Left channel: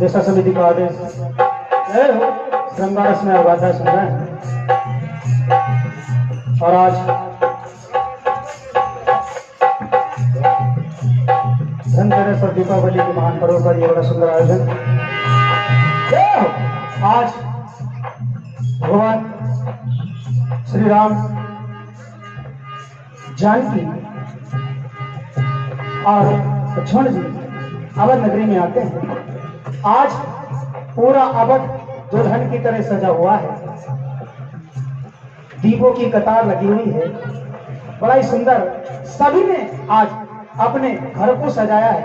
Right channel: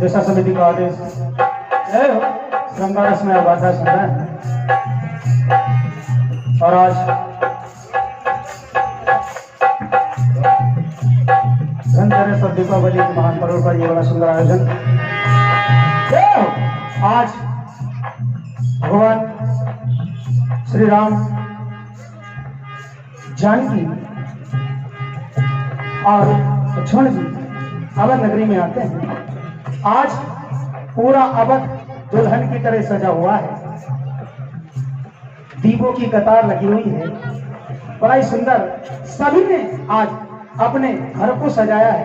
जैसा समिति का आदेश श्रृंगारस में वाचा सुन रहे हैं। और आज धनतेरस दीपावली के महान पर्व का ये बड़ा सुंदर आयोजन। आज भगवान श्री राम जानकी और लक्ष्मण जी अवध नगरी में आते हैं। आज पूरा अवध दुल्हन की तरह सजा हुआ है, दीपों की कतार लगी हुई है, बड़ा ही सुंदर। सभी ने आज अपने घर को सजाया है।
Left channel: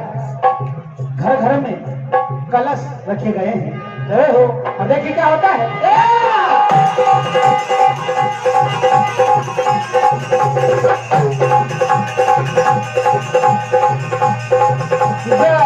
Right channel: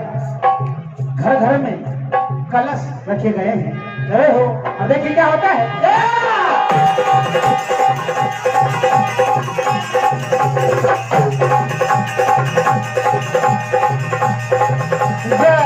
घर घर में कलश रखे गए हैं। जय हो। अब देखिए क्या होता है। बड़ा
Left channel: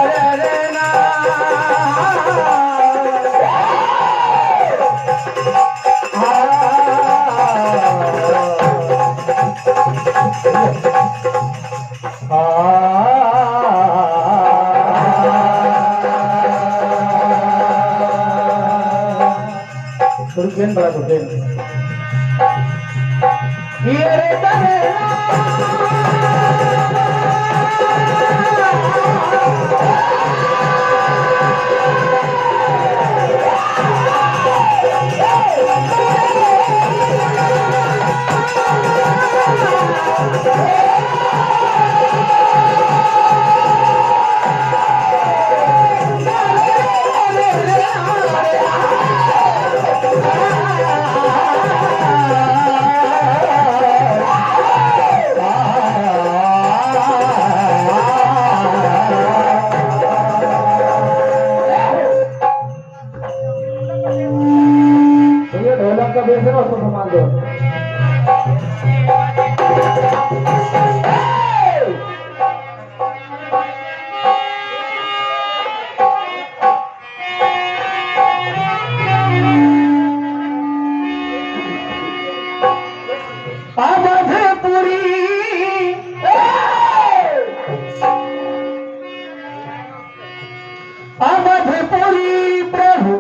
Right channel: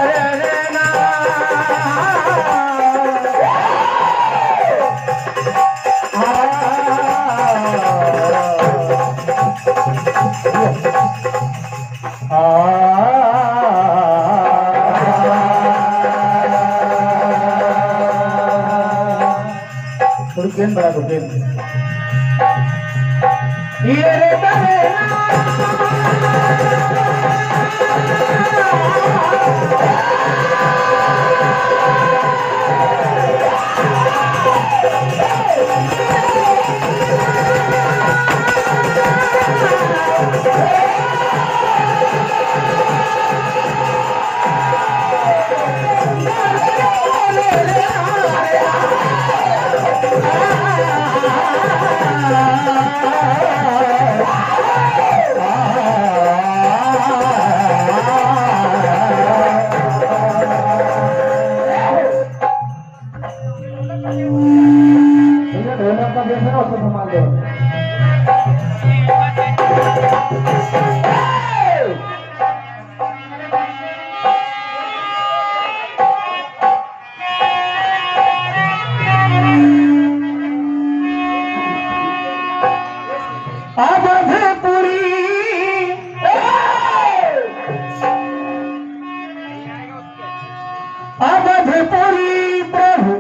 अवधपुरी प्रभु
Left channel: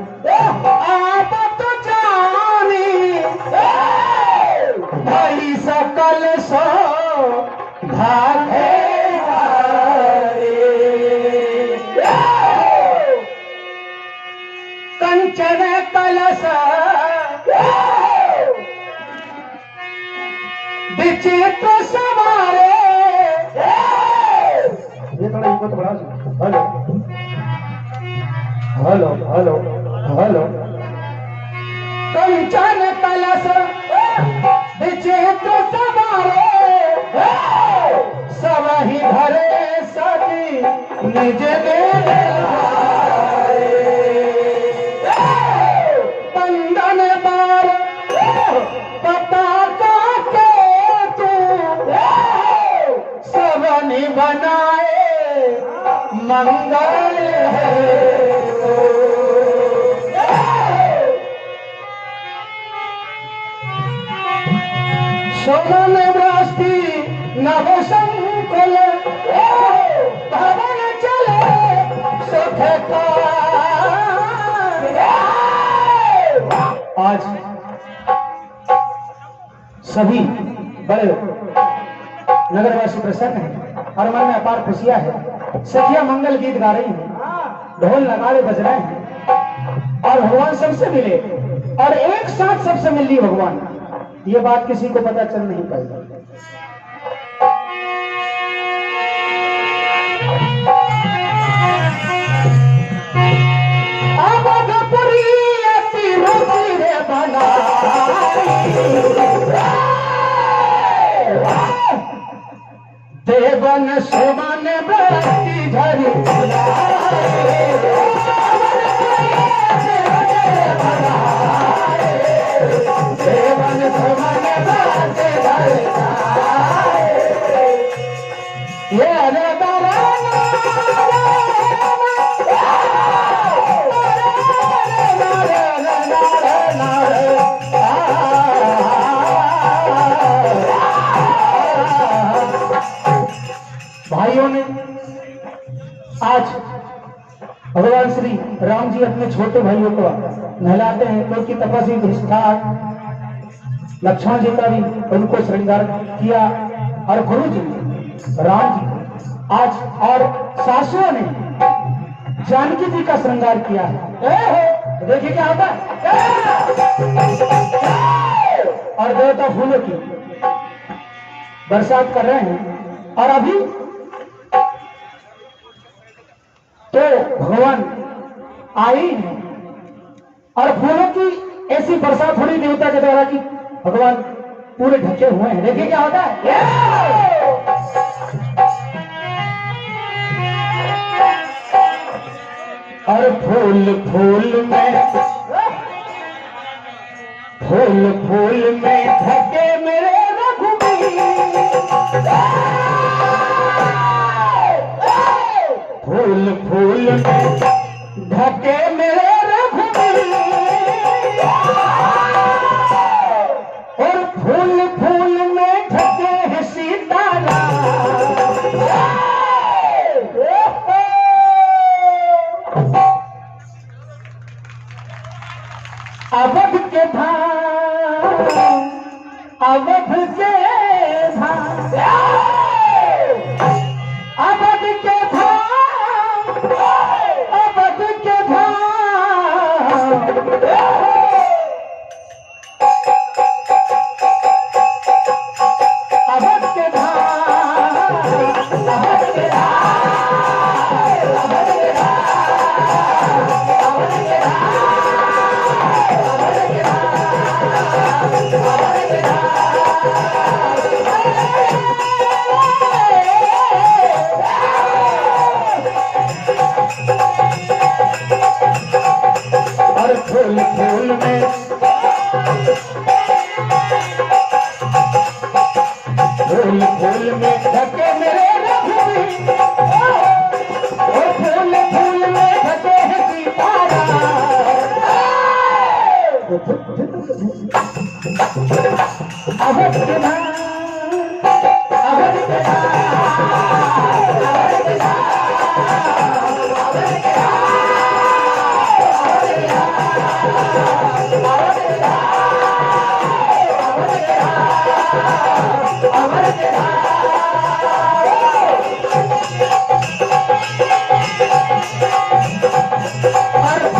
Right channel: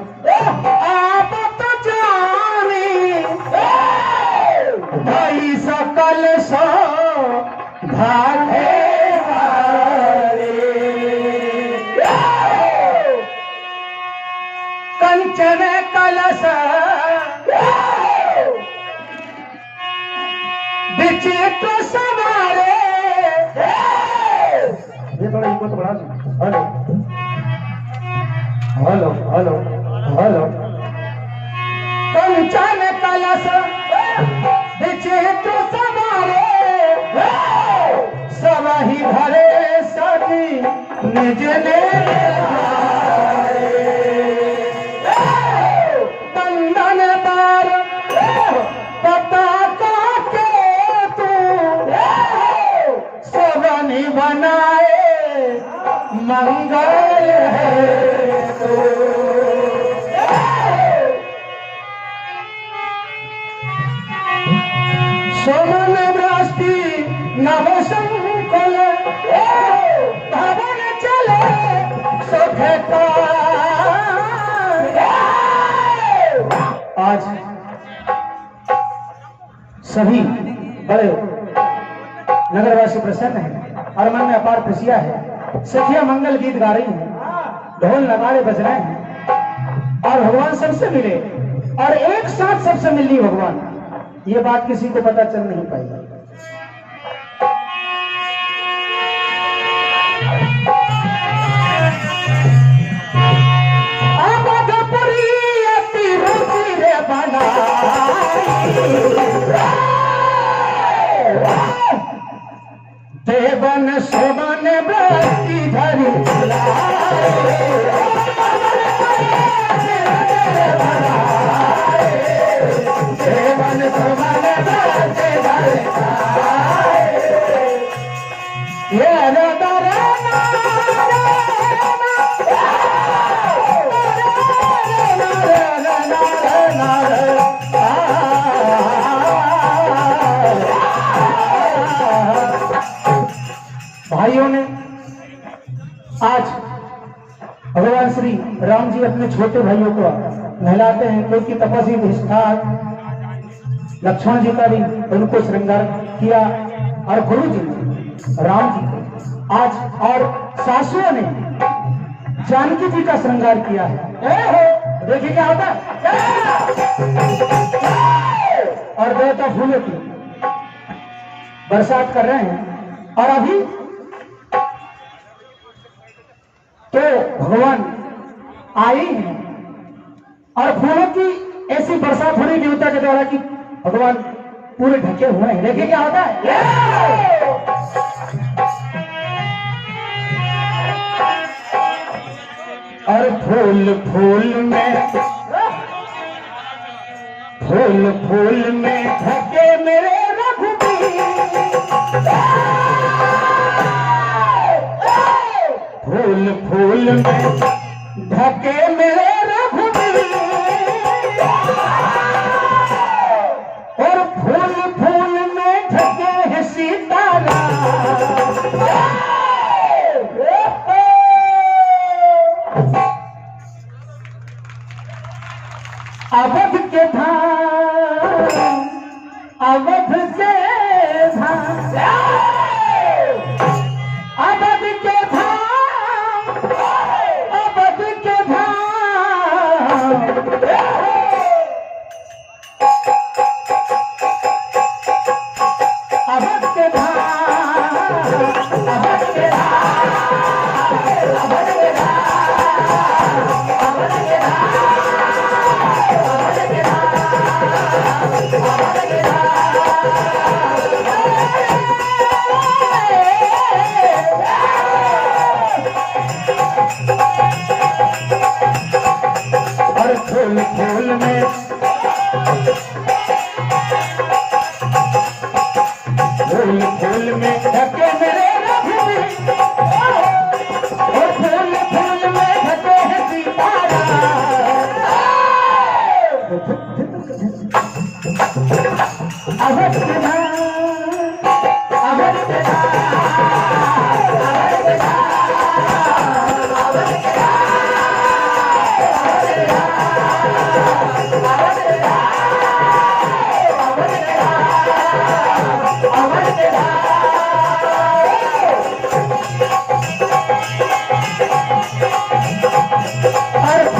आप तो जाने भाई सकल सो घाटे कंचन कलश विचित्र सवारे। ये थोड़ा इनको तो बढ़ा। Hello hello hello hello. कंचन कलश विचित्र सवारे सब ही धरे सती निज बंधन बार पता के तू सब बनाए मंगल है सोमन दृष्टि नव संकुल भवन चले सुख आज सभी बड़े नगरवासी प्रसन्न हैं और मन में अपार खुशियां है। सखिया मंगल गीत गा रही हैं, ढोल नगाड़े बज रहे हैं और भगवान सबसे मिले और एक साथ सबसे मिल लिए भगवान। ये बात किसी को पता चल नहीं पाई। देवन सोमन बरती धरी देवन सोमन बरती धरी ये अरे भाइयों ने आज भगवान श्री राम जी अपने छोटे भाइयों को नहलाते हैं क्योंकि तपस्वी निष्ठा लक्ष्मण जी का भी उनको श्रृंगार किया और गुरु जी राम जी आज और सासुओं ने जानकी जी का श्रृंगार किया है। देखिए क्या होता है और देवता फूलों की बरसात कर रहे हैं और अभी तो भगवान आए हैं और फूलों की ऐसी बरसात हो रही देवता के द्वारा कि भगवान पूरे ढके हुए हैं। देखिए क्या होता है और फूल फूल में ढके मेरे रघुबीर फूल में ढके मेरे रघुबीर और फूल में ढके हैं सीताराम। अवध के धाम अवध के धाम अवध के धाम अवध के धाम अवध के धाम अवध के और फूल फूल में ढके मेरे रघुबीर और फूल में ढके हैं सीताराम। अवध के धाम अवध के और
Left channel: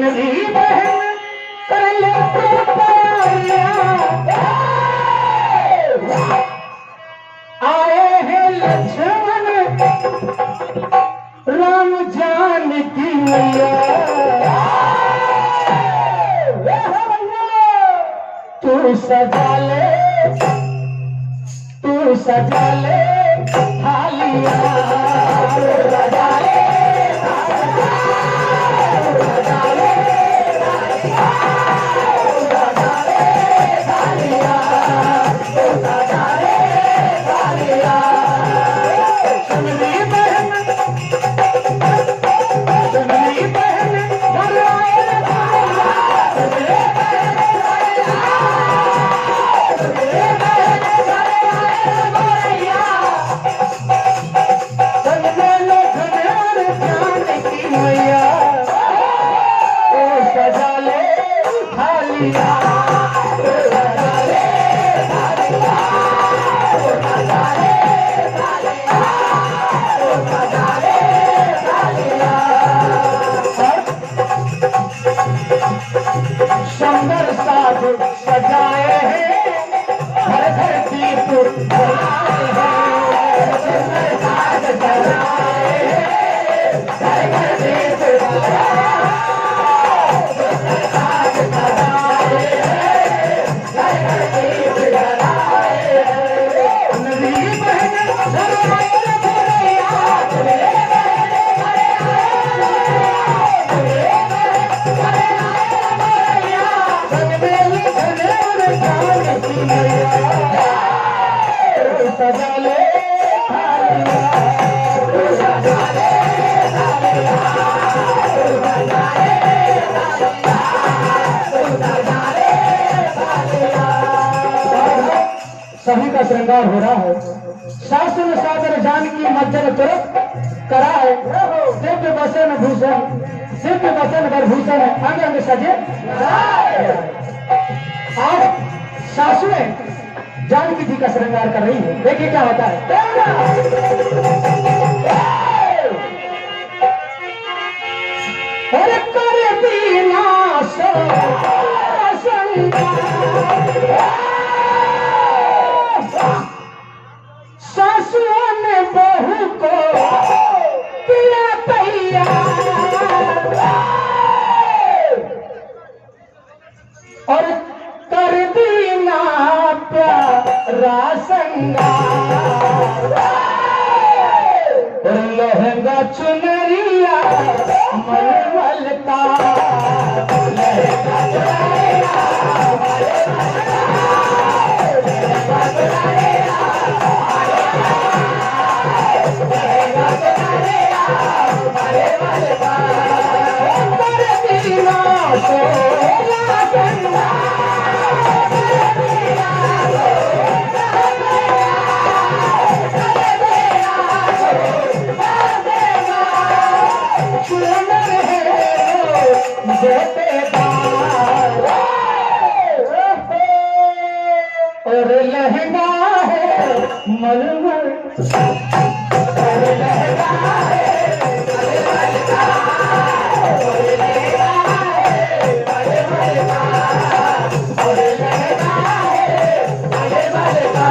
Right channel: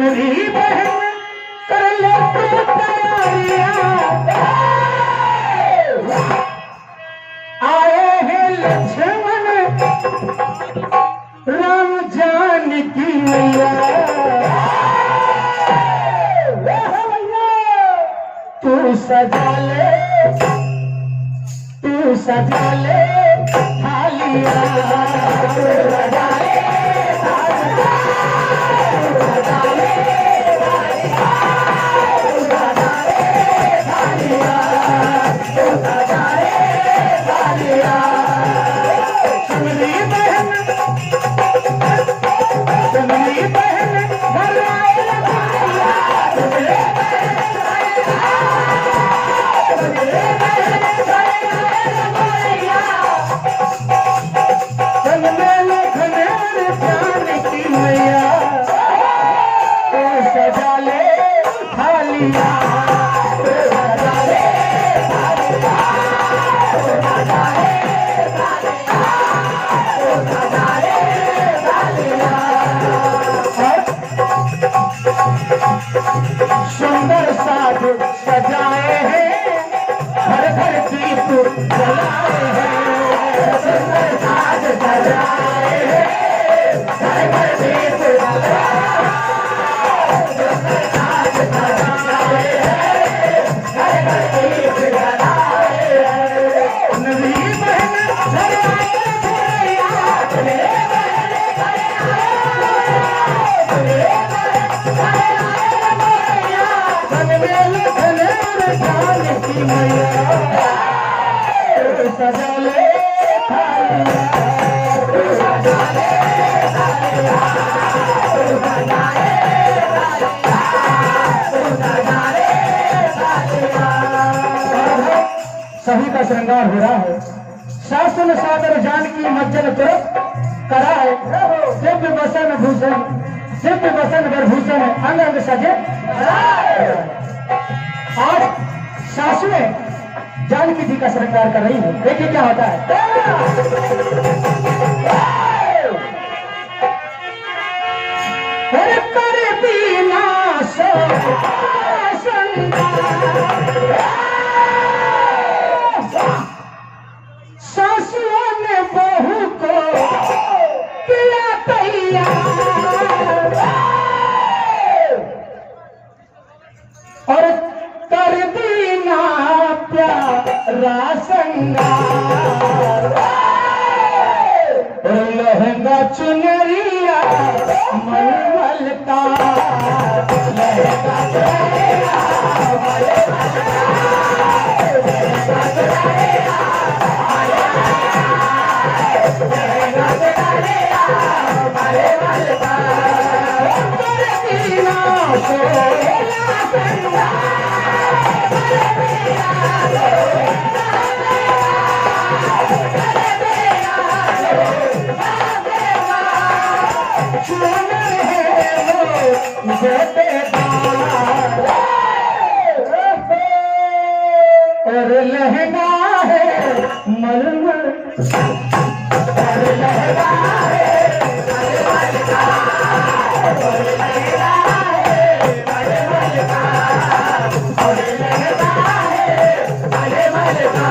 चुनरी बहन कर ले तो तैयारियां, आए हैं लक्ष्मण राम जानकी मैया। तू सजा ले थालिया, सुंदर साथ सजाए हैं, घर घर दीप जलाए हैं। सुंदर साथ सजाए हैं, घर घर दीप जलाए हैं। सुंदर साथ सजाए हैं, घर घर दीप जलाए हैं। नवी बहन लगाए सभी का श्रृंगार हो रहा है। शासन सादर जानकी मज्जन तुरंत कराए, दिव्य वसन भूषण, दिव्य वसन भूषण अंग अंग सजे। आज सासुएं जानकी जी का श्रृंगार कर रही है। देखिए क्या होता है। कर बिना सासुओं ने बहू को किया तैयार, और कर दीना प्यारा संगार। लहंगा चुनरिया मलमल का, लहंगा चुनरिया और लहंगा है मलमल, और लहंगा है मलमल का, और लहंगा है मलमल का, और लहंगा है मलमल का।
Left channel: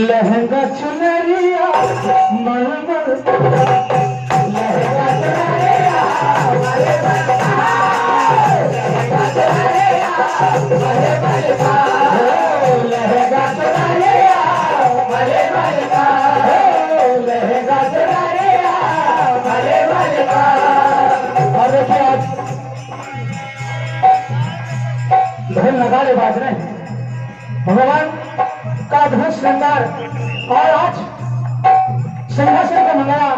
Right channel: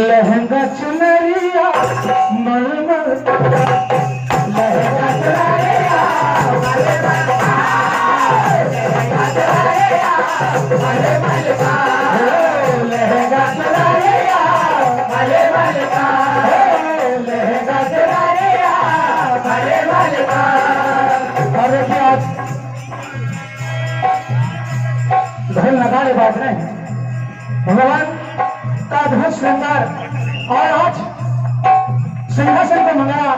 लहंगा चुनरिया मलमल, लहंगा चुनरिया मलमल का, लहंगा चुनरिया मलमल का, लहंगा चुनरिया मलमल का, लहंगा चुनरिया और देखिए आज ढोल नगाड़े बाज रहे हैं, भगवान का अद्भुत श्रृंगार। और आज सिंहासन को मंगाया